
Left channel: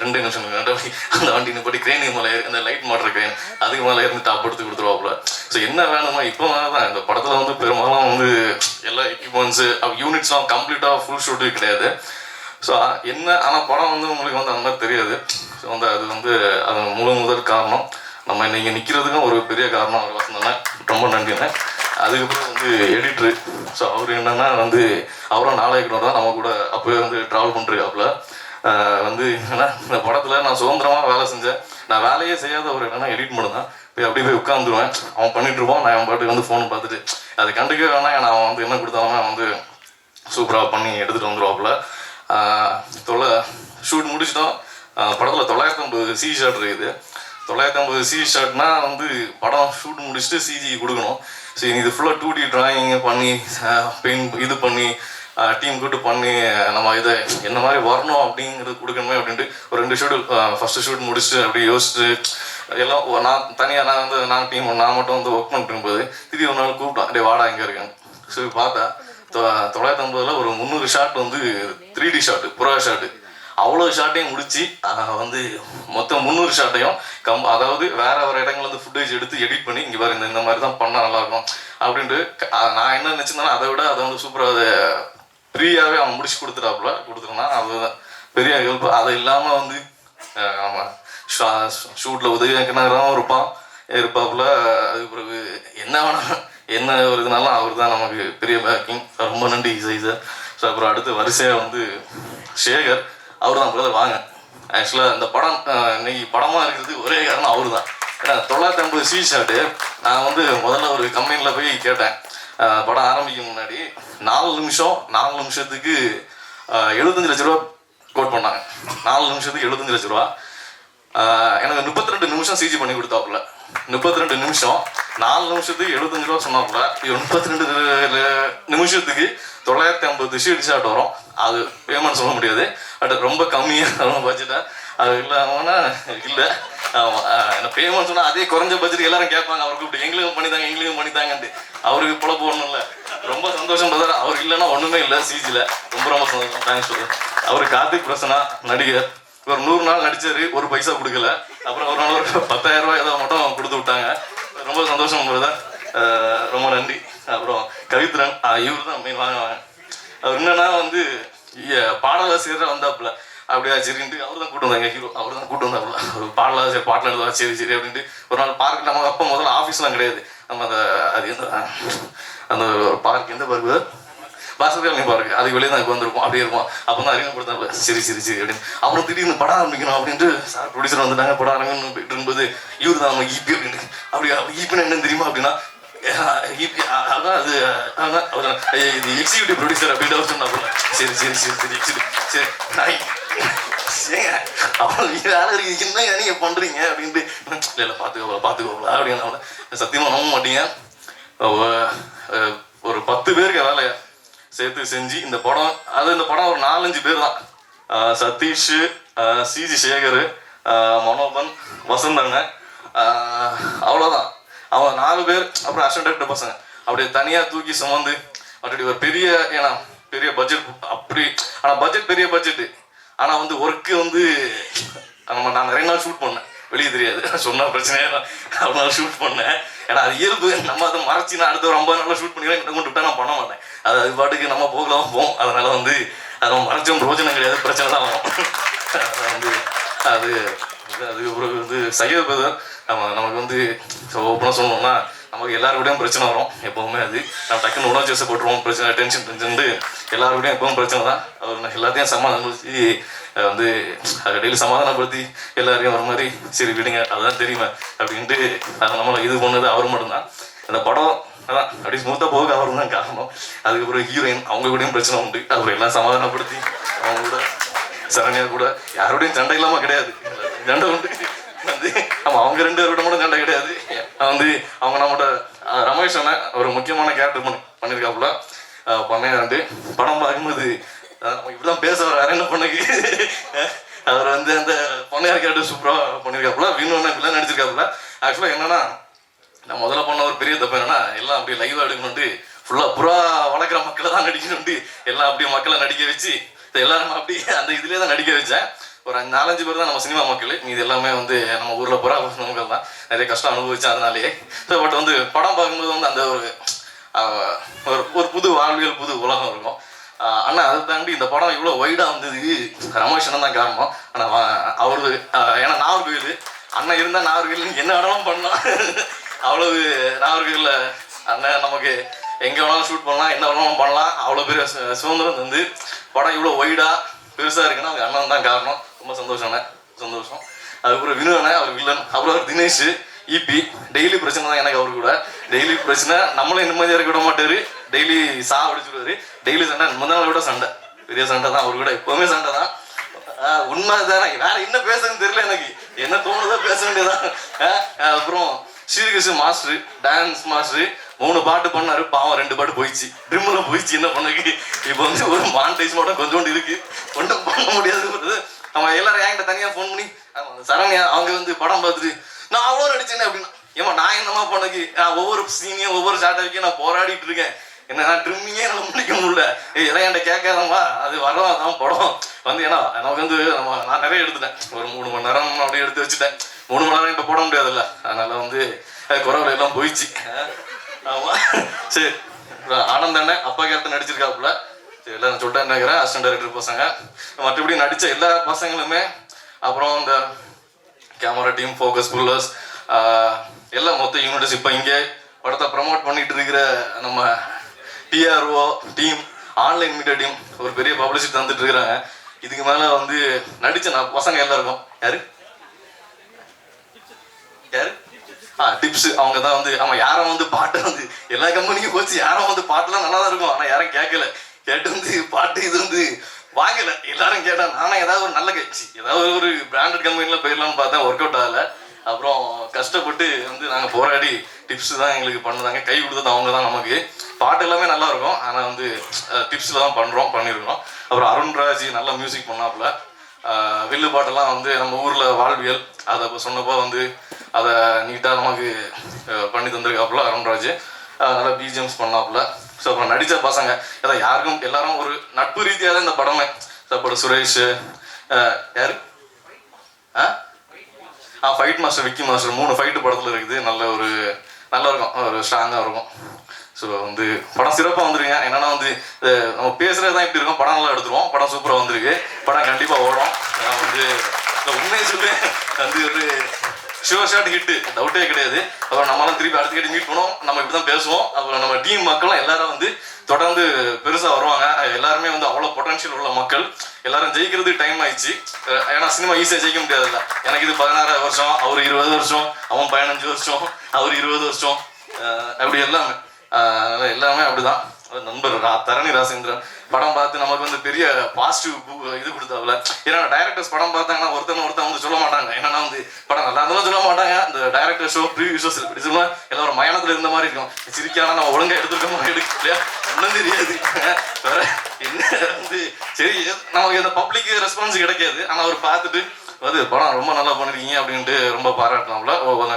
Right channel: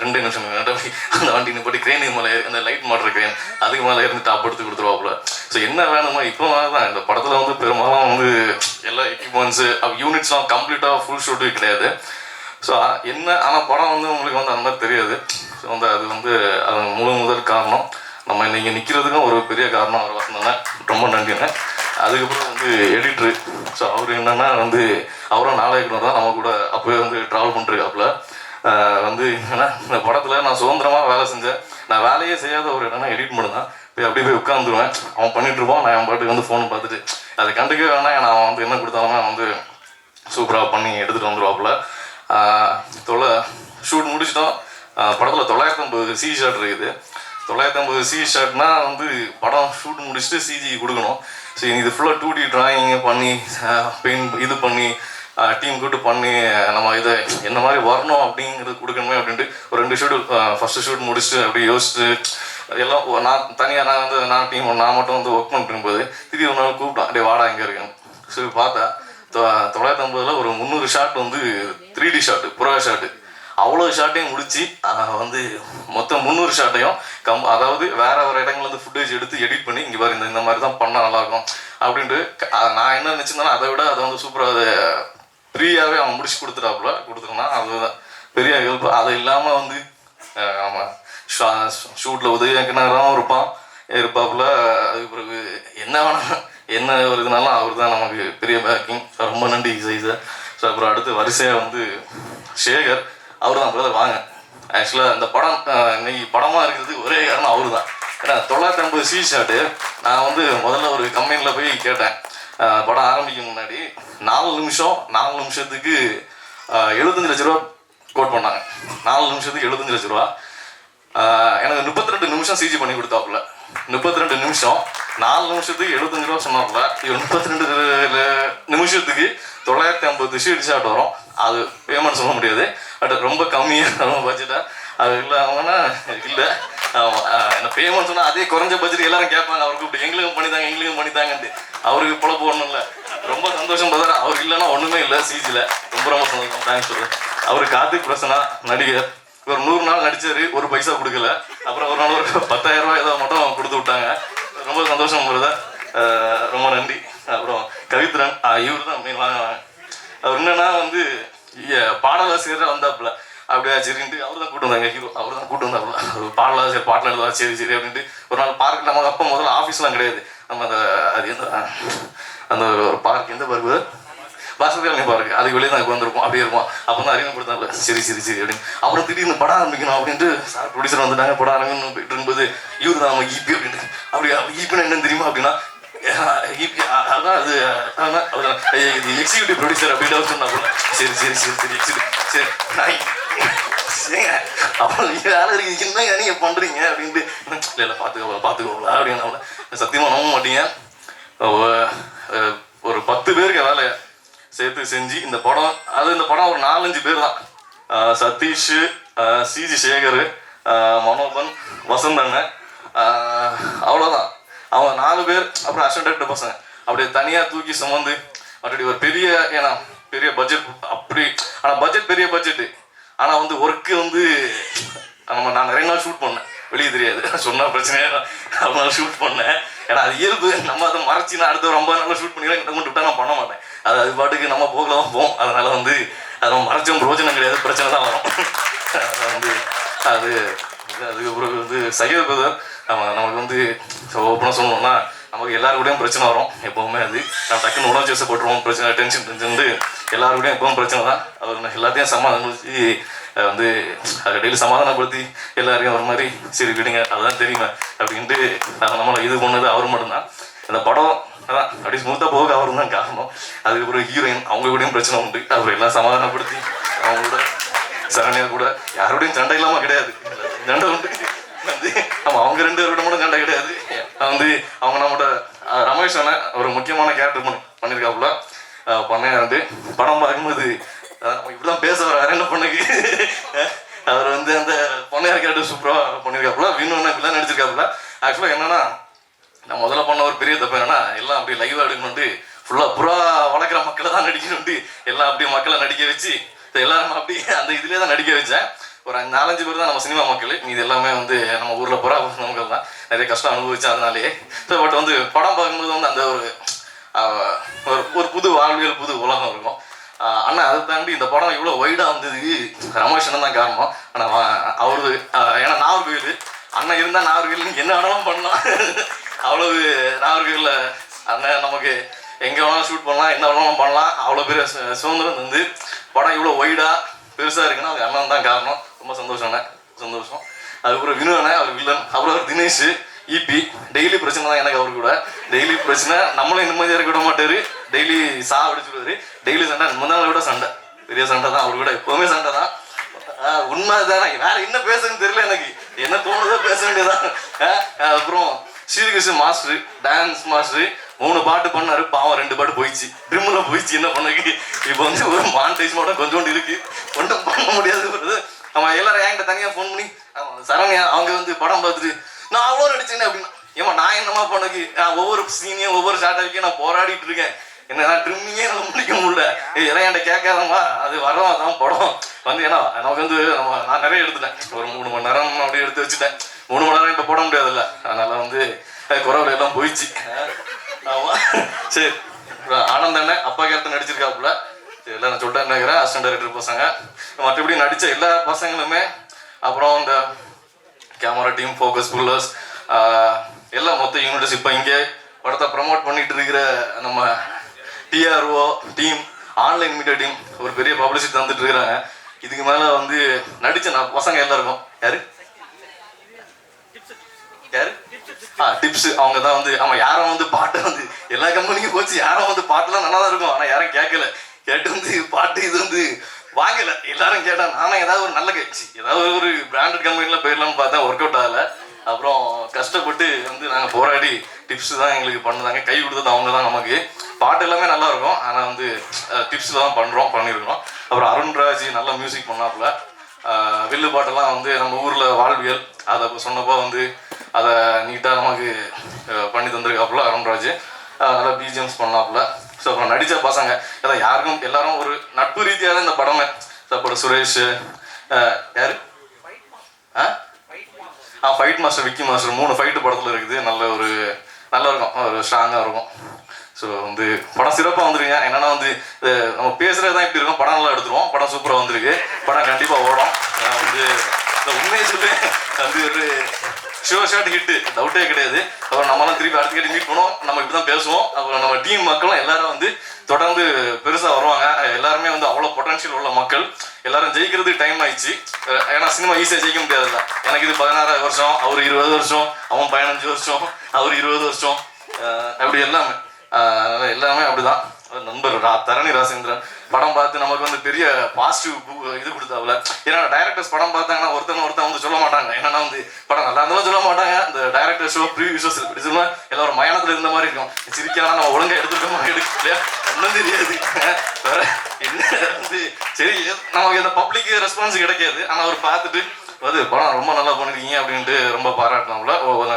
அந்த வண்டி போட்டு க்ரெயின் மேலே அந்த லைட் மாட்டுற க்ரெயின் அதுக்கு மேலே இருந்து டாப் எடுத்து கொடுத்துருவாப்புல. ஸோ என்ன வேணுமோ இப்போ தான் இந்த படத்தில் வந்து பெரும்பாலும் வந்து எல்லா எக்யூப்மெண்ட்ஸு யூனிட்ஸ்லாம் கம்ப்ளீட்டாக ஃபுல் ஷூட்டு கிடையாது. ஸோ என்ன ஆனால் படம் வந்து உங்களுக்கு வந்து அந்த மாதிரி தெரியாது. ஸோ வந்து அது வந்து அது முதல் காரணம். நம்ம இன்றைக்கி நிற்கிறதுக்கும் ஒரு பெரிய காரணம் அவர் வசந்தண்ணன், ரொம்ப நன்றிங்க. அதுக்கப்புறம் வந்து எடிட்ரு. ஸோ அவர் என்னென்னா வந்து அவரும் நாளைக்கு தான் நம்ம கூட அப்போவே வந்து ட்ராவல் பண்ணுறாப்புல. வந்து என்னன்னா இந்த படத்தில் நான் சுதந்திரமாக வேலை செஞ்சேன். நான் வேலையே செய்யாத ஒரு என்னென்னா எடிட் பண்ணு தான். போய் அப்படியே போய் உட்காந்துருவேன். அவன் பண்ணிகிட்ருப்பான், நான் என் பாட்டுக்கு வந்து ஃபோனை பார்த்துட்டு அதை கண்டுக்கவே வேணாம். நான் அவன் வந்து என்ன கொடுத்தாங்கன்னா வந்து சூப்பராக பண்ணி எடுத்துகிட்டு வந்துடுவாப்புல. ஷூட் முடிச்சிட்டோம். படத்தில் 950 சிஜி ஷாட் இருக்குது. 950 சிஜி ஷாட்னா வந்து படம் ஷூட் முடிச்சுட்டு சிஜி கொடுக்கணும். ஸோ இது ஃபுல்லாக 2D ட்ராயிங்க பண்ணி பெயிண்ட் இது பண்ணி டீம் கூட்டு பண்ணி நம்ம இதை என்ன மாதிரி வரணும் அப்படிங்கிறது கொடுக்கணுமே அப்படின்ட்டு ஒரு 2 ஷூட் ஃபஸ்ட்டு ஷூட் முடிச்சுட்டு அப்படி யோசிச்சுட்டு எல்லாம் நான் தனியாக நான் டீம் நான் மட்டும் வந்து ஒர்க் பண்ணிருக்கும்போது திடீர்னு ஒரு நாள் கூப்பிட்டேன், அப்படியே வாடா இங்கே இருக்கேன். ஸோ பார்த்தா 950 ஒரு 300 ஷாட் வந்து 3D ஷாட்டு, புறா ஷாட்டு. அவ்வளோ ஷாட்டையும் முடிச்சு வந்து மொத்தம் 300 ஷாட்டையும் அதாவது வேற இடங்கள்ல வந்து ஃபுட்டேஜ் எடுத்து எடிட் பண்ணி இங்கே பாரு இந்த மாதிரி தான் பண்ணால் நல்லாயிருக்கும் அப்படின்ட்டு நான் என்ன நினச்சிருந்தேன்னா அதை விட அதை வந்து சூப்பராக அதை ஃப்ரீயாகவே அவன் முடிச்சு கொடுத்துருந்தான். அதுதான் பெரிய ஹெல்ப். அது இல்லாமல் வந்து ஆமாம் ஷூட்டில் உதவியாக்கினாரும் இருப்பாப்புல. அதுக்கு பிறகு என்ன வேணாம் என்ன ஒரு இதுனாலும் அவர் தான் நமக்கு பெரிய பேக்கிங். ரொம்ப நன்றி சார். ஸோ அப்புறம் அடுத்து வரிசையாக வந்து சேகர், அவர் தான் பிரதர் வாங்க. ஆக்சுவலாக இந்த படம் இன்னைக்கு படமாக இருக்கிறதுக்கு ஒரே காரணம் அவர் தான். ஏன்னா 950 சிஜி ஷாட்டு நான் வந்து முதல்ல ஒரு கம்பெனியில் போய் கேட்டேன். படம் ஆரம்பிக்கும் முன்னாடி 4 நிமிஷத்துக்கு 75 லட்ச ரூபா கோட் பண்ணாங்க. 4 நிமிஷத்துக்கு 75 லட்ச ரூபா. எனக்கு 32 நிமிஷம் சிஜி பண்ணி கொடுத்தாப்புல. 32 நிமிஷம் 4 நிமிஷத்துக்கு 75 ரூபா சொன்னாப்புல. 32 நிமிஷத்துக்கு 950 சிஜி ஷாட் வரும். அது பேமெண்ட் சொல்ல முடியாது, பட் ரொம்ப கம்மியாக பட்ஜெட்டாக அது இல்லாமன்னா இல்லை. இந்த பேமெண்ட் சொன்னால் அதே குறைஞ்ச பட்ஜெட் எல்லாரும் கேட்பாங்க. அவர் கூப்பிட்டு எங்களுக்கும் பண்ணித்தாங்கன்ட்டு அவருக்கு போல போடணும்ல. ரொம்ப சந்தோஷம் பிரதர். அவர் இல்லைன்னா ஒன்றுமே இல்லை சிஜியில். ரொம்ப சந்தோஷம். தேங்க்ஸ் சொல்லுவேன். அவர் கார்த்திக் பிரசனா நடிகர். ஒரு 100 நாள் நடிச்சாரு, ஒரு பைசா கொடுக்கல. அப்புறம் ஒரு நாள் ஒரு 10,000 ரூபாய் ஏதோ மட்டும் கொடுத்து விட்டாங்க. ரொம்ப சந்தோஷம் பிரதர், ரொம்ப நன்றி. அப்புறம் கவித்ரன், இவர் தான் வாங்க. அவர் என்னன்னா வந்து பாடலாசிரியராக வந்தாப்புல. அப்படியா சரின்ட்டு அவர் தான் கூட்டு வந்தாங்க. ஹீரோ அவர் தான் கூட்டு வந்தாப்புல. ஒரு பாடலாசிரியர் பாட்டில் எழுதுவா சரி அப்படின்ட்டு ஒரு நாள் பார்க். நம்ம அப்போ முதல்ல ஆஃபீஸ்லாம் கிடையாது. நம்ம அது அந்த ஒரு பார்க் எந்த பார்க்கு பாஸ்கர் பார்க்கு அதுக்கு வெளியே தான் வந்திருப்போம். அப்படியே இருக்கும். அப்போ தான் அறிமுகப்படுத்தாங்க. சரி அப்படின்னு. அப்புறம் திடீர்னு படம் ஆரம்பிக்கணும் அப்படின்ட்டு சார் ப்ரொடியூசர் வந்துட்டாங்க. படம் ஆரம்பிக்கணும் போயிட்டு இருக்கும்போது இவர் தான் நம்ம ஈபி அப்படின்ட்டு. அப்படியா ஈபின்னு என்னன்னு தெரியுமா அப்படின்னா அதான் அது இது எக்ஸிக்யூட்டிவ் ப்ரொடியூசர் அப்படின்னு அவர் சொன்னா. சரி அப்புறம் என்ன நீங்க பண்றீங்க அப்படின்ட்டு இல்லை பார்த்துக்கோங்களா அப்படின்னு சத்தியமா நம்ப மாட்டீங்க. ஒரு 10 பேருக்கு வேலை சேர்த்து செஞ்சு இந்த படம் இந்த படம் ஒரு 4-5 பேர் தான். சதீஷ், சிஜி சேகர், மனோபன், வசந்தண்ணன், அவ்வளோதான். அவங்க 4 பேர். அப்புறம் அசிஸ்டன்ட் பசங்க அப்படியே தனியாக தூக்கி சுமந்து அப்படி ஒரு பெரிய ஏன்னா பெரிய பட்ஜெட் அப்படி. ஆனால் பட்ஜெட் பெரிய பட்ஜெட்டு. ஆனால் வந்து ஒர்க்கு வந்து நான் நிறைய நாள் ஷூட் பண்ணேன். வெளியே தெரியாது. சொன்னால் பிரச்சனையாக அவ்வளோ நாள் ஷூட் பண்ணேன். ஏன்னா அது இயல்பு. நம்ம அதை மறைச்சி நான் அடுத்த ரொம்ப நாளாக ஷூட் பண்ணிக்கலாம் கிட்ட கொண்டு விட்டா நான் பண்ண மாட்டேன். அது பாட்டுக்கு நம்ம போகலாம் போவோம். அதனால வந்து அதை மறைச்சும் பிரோஜனம் கிடையாது, பிரச்சனை தான் வரும். அதை வந்து அது அதுக்கப்புறம் வந்து சையத் பிரதர் நமக்கு வந்து ஓப்பனாக சொல்லணும்னா நமக்கு எல்லாருக்கூடையும் பிரச்சனை வரும் எப்போவுமே. அது நான் டக்குன்னு உணர்ச்சி வசப்பட்டுருவோம், பிரச்சனை டென்ஷன் வந்து எல்லாருக்கூடையும் எப்பவும் பிரச்சனை தான். அவர் எல்லாத்தையும் சமாதானப்படுத்தி வந்து அதை டெய்லி சமாதானப்படுத்தி எல்லாரையும் ஒரு மாதிரி சரி விடுங்க அதுதான் தெரியுமா அப்படின்ட்டு நம்மளை இது பண்ணது அவர் மட்டும்தான். அந்த படம் அதான் அப்படி ஸ்மூத்தாக போக அவர் தான் காரணம். அதுக்கப்புறம் ஹீரோயின் அவங்க கூடயும் பிரச்சனை உண்டு. அவர் எல்லாம் சமாதானப்படுத்தி அவங்க கூட சரணியா கூட யாரோடையும் சண்டை இல்லாமல் கிடையாது, சண்டை உண்டு வந்து அவங்க 2 பேரோட கூட சண்டை கிடையாது. வந்து அவங்க நம்மளோட ரமேஷ் அண்ணன் ஒரு முக்கியமான கேரக்டர் பண்ணியிருக்காப்புல. பண்ணையா வந்து படம் பார்க்கும்போது இப்படிதான் பேச வேற என்ன பண்ணுக்கு அவர் வந்து அந்த பொண்ணையார் கேரக்டர் சூப்பராக பண்ணியிருக்காப்புல. இன்னொன்று இப்படிலாம் நடிச்சிருக்காப்புல. ஆக்சுவலாக என்னன்னா நான் முதல்ல பண்ண ஒரு பெரிய தப்பு என்னன்னா எல்லாம் அப்படியே லைவாக எடுக்கணும்ட்டு ஃபுல்லாக புறா வளர்க்குற மக்களை தான் நடிக்கணும்ட்டு எல்லாம் அப்படியே மக்களை நடிக்க வச்சு எல்லாரும் அப்படி அந்த இதுலேயே தான் நடிக்க வச்சேன். ஒரு 4-5 பேர் தான் நம்ம சினிமா மக்கள். இது எல்லாமே வந்து நம்ம ஊரில் புறா மக்கள் தான். நிறைய கஷ்டம் அனுபவிச்சேன் அதனாலேயே. இப்போ பட் வந்து படம் பார்க்கும்போது வந்து அந்த ஒரு புது வாழ்வியல் புது உலகம் இருக்கும். ஆனால் அதை தாண்டி இந்த படம் இவ்வளோ வைடாக வந்ததுக்கு ரமேஷ் அண்ணன் தான் காரணம். ஆனால் அவரு ஏன்னா நாகர்கோவில் அண்ணன் இருந்தால் நாகர்கோவில் என்ன வேணாலும் பண்ணலாம். அவ்வளவு நாகர்கோவிலில் அண்ணன் நமக்கு எங்கே வேணாலும் ஷூட் பண்ணலாம், என்ன வேணாலும் பண்ணலாம். அவ்வளோ பெரிய சுதந்திரம் வந்து படம் இவ்வளோ வைடாக பெருசாக இருக்குன்னா அது அண்ணன் தான் காரணம். ரொம்ப சந்தோஷம் அண்ணன், சந்தோஷம். அதுக்கப்புறம் வினு அண்ணன், அவர் வில்லன். அப்புறம் தினேஷ் ஈபி டெய்லி பிரச்சனை தான் எனக்கு. அவரு கூட டெய்லி பிரச்சனை. நம்மளும் நிம்மதியாக இருக்க விட மாட்டாரு. டெய்லி அடிச்சுடுவாரு. டெய்லி சண்டை, முன்னாள் விட சண்டை, பெரிய சண்டை தான் அவரு கூட. எப்பவுமே சண்டை தான். உண்மை தானே, வேற என்ன பேசுறதுன்னு தெரியல எனக்கு. என்ன தோணுதோ பேச வேண்டியதான். அப்புறம் ஸ்ரீகிருஷ்ணன் மாஸ்டர், டான்ஸ் மாஸ்டர் 3 பாட்டு பண்ணாரு. பாவம் 2 பாட்டு போயிடுச்சு, ட்ரிம்ல போயிடுச்சு. என்ன பண்ணக்கு இப்போ வந்து ஒரு மானிட்டைஸ் மட்டும் கொஞ்சோண்டு இருக்கு, ஒன்றும் பண்ண முடியாது. அவன் எல்லாரும் என்கிட்ட தனியாக ஃபோன் பண்ணி சரண்யா அவங்க வந்து படம் பார்த்துட்டு நான் அவ்வளோ நடிச்சேன்னு அப்படின்னா ஏமா நான் என்னமா பண்ணக்கு நான் ஒவ்வொரு சீனையும் ஒவ்வொரு ஷார்ட்டாக நான் போராடிட்டு இருக்கேன். என்ன ட்ரிம்மிங்கே நம்ம முடிக்க முடியல. எல்லாம் என்கிட்ட கேட்காதம்மா, அது வரோம் அதான் படம் வந்து. ஏன்னா நமக்கு வந்து நான் நிறைய எடுத்துட்டேன். ஒரு 3 மணி நேரம் அப்படியே எடுத்து வச்சுட்டேன். 3 மணி நேரம் இப்போ போட முடியாதுல்ல. அதனால வந்து குறவுல எல்லாம் போயிடுச்சு. ஆமாம் சரி. ஆனந்த் அண்ணன் அப்பா கேரக்டர் நடிச்சிருக்காப்புல. சரி எல்லாம் நான் சொல்லிட்டேன் நினைக்கிறேன். அசிஸ்டன்ட் டைரக்டர் பசங்க மற்றபடி நடித்த எல்லா பசங்களுமே. அப்புறம் இந்த கேமரா டீம், ஃபோக்கஸ் புல்லர்ஸ் எல்லாம் மொத்த யூனிட்ஸ். இப்போ இங்கே படத்தை ப்ரமோட் பண்ணிட்டு இருக்கிற நம்ம DRO team, online media team ஒரு பெரிய பப்ளிசிட்டி தந்துட்டு இருக்கிறாங்க. இதுக்கு மேலே வந்து நடித்த நான் பசங்க எல்லாருக்கும் யாரு யாரு டிப்ஸ் அவங்க தான் வந்து. ஆமாம் யாரும் வந்து பாட்டை வந்து எல்லா கம்பெனிக்கும் போச்சு. யாரும் வந்து பாட்டுலாம் நல்லா தான் இருக்கும், ஆனால் யாரும் கேட்கல. கேட்டு வந்து பாட்டு இது வந்து வாங்கலை. எல்லாரும் கேட்டா நானும் ஏதாவது ஒரு நல்ல கட்சி ஏதாவது ஒரு பிராண்டட் கம்பெனியில் போயிடலாம்னு பார்த்தா ஒர்க் அவுட் ஆகலை. அப்புறம் கஷ்டப்பட்டு வந்து நாங்கள் போராடி டிப்ஸ் தான் எங்களுக்கு பண்ணுறாங்க. கை கொடுத்தது அவங்க தான் நமக்கு. பாட்டு எல்லாமே நல்லா இருக்கும், ஆனால் வந்து டிப்ஸில் தான் பண்ணியிருக்கோம். அப்புறம் அருண்ராஜ் நல்ல மியூசிக் பண்ணாப்புல. வில்லு பாட்டெல்லாம் வந்து நம்ம ஊரில் வாழ்வியல் அதை சொன்னப்போ வந்து அதை நீட்டாக நமக்கு பண்ணி தந்திருக்காப்புல அருண்ராஜ். நல்லா பிஜிஎம்ஸ் பண்ணாப்புல. ஸோ அப்புறம் நடித்த பசங்க அதான் யாருக்கும் எல்லாரும் ஒரு நட்பு ரீதியாக தான் இந்த படமே. அப்புறம் சுரேஷ் யாரு fight master, Vicky master 3 fight படத்தில் இருக்குது. நல்லா இருக்கும், ஒரு ஸ்ட்ராங்காக இருக்கும். ஸோ வந்து படம் சிறப்பாக வந்துருங்க. என்னன்னா வந்து நம்ம பேசுகிறது தான் இப்படி இருக்கும். படம் நல்லா எடுத்துருவோம். படம் சூப்பராக வந்திருக்கு. படம் கண்டிப்பாக ஓடும். நான் வந்து உண்மையை சொல்லுவேன், வந்து ஒரு ஷார்ட் ஹிட்டு டவுட்டே கிடையாது. அப்புறம் நம்மளாம் திருப்பி அடுத்த கேட்டு மீட் பண்ணுவோம். நம்ம இப்படி தான் பேசுவோம். அப்புறம் நம்ம டீம் மக்களும் எல்லாரும் வந்து தொடர்ந்து பெருசாக வருவாங்க. எல்லாருமே வந்து அவ்வளோ பொட்டன்ஷியல் உள்ள மக்கள். எல்லாரும் ஜெயிக்கிறதுக்கு டைம் ஆயிடுச்சு. ஏன்னா சினிமா ஈஸியாக ஜெயிக்க முடியாதுல்ல. எனக்கு இது 16 வருஷம், அவர் 20 வருஷம், அவன் 15 வருஷம், அவர் 20 வருஷம், அப்படி எல்லாமே அப்படிதான். நண்பர் தரணி ராசேந்திரன் படம் பார்த்து நமக்கு வந்து பெரிய பாசிட்டிவ் இது கொடுத்தாப்புல. ஏன்னா டைரக்டர்ஸ் படம் பார்த்தாங்கன்னா ஒருத்தன் வந்து சொல்ல மாட்டாங்க. ஏன்னா வந்து படம் நல்லா இருந்தாலும் சொல்ல மாட்டாங்க. இந்த டைரக்டர் ஷோ ப்ரீவியூஸ் சொல்லுமா எல்லாம் ஒரு மயானத்தில் இருந்த மாதிரி இருக்கும். சிரிக்கானா நம்ம ஒழுங்காக எடுத்துருக்க மாதிரி எடுக்கலையா ஒன்றும் தெரியாது. வேற என்ன வந்து சரி நமக்கு இந்த பப்ளிக் ரெஸ்பான்ஸ் கிடைக்காது. ஆனால் அவர் பார்த்துட்டு அது படம் ரொம்ப நல்லா பண்ணிருக்கீங்க அப்படின்ட்டு ரொம்ப பாராட்டினாப்புல.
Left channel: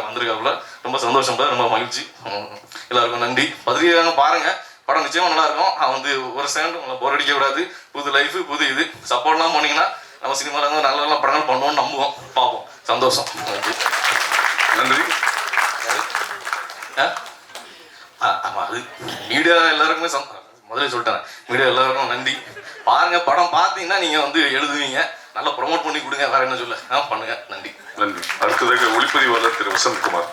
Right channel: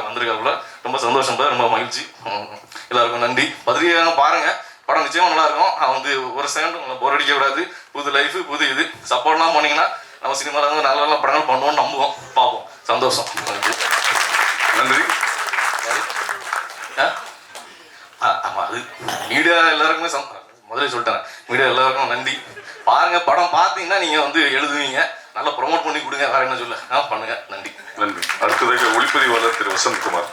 வந்திருக்காப்புல. ரொம்ப சந்தோஷம், ரொம்ப மகிழ்ச்சி. எல்லாருக்கும் நன்றி. பத்திரிகையாக பாருங்க, படம் நிச்சயமா நல்லா இருக்கும். வந்து ஒரு செகண்ட் உங்களை போர் அடிக்க கூடாது. புது லைஃப் புது இது சப்போர்ட்லாம் போனீங்கன்னா நம்ம சினிமாவில் வந்து நல்ல படங்கள் பண்ணுவோம்னு நம்புவோம், பார்ப்போம். சந்தோஷம். நன்றி. ஆமாம், அது மீடியா எல்லாருக்குமே முதல்ல சொல்லிட்டேன். மீடியா எல்லாருக்கும் நன்றி. பாருங்க, படம் பார்த்தீங்கன்னா நீங்கள் வந்து எழுதுவீங்க, நல்லா ப்ரொமோட் பண்ணி கொடுங்க. வேறு என்ன சொல்ல பண்ணுங்க. நன்றி. நன்றி. அடுத்ததாக ஒளிப்பதிவாளர் திரு வசந்த்குமார்.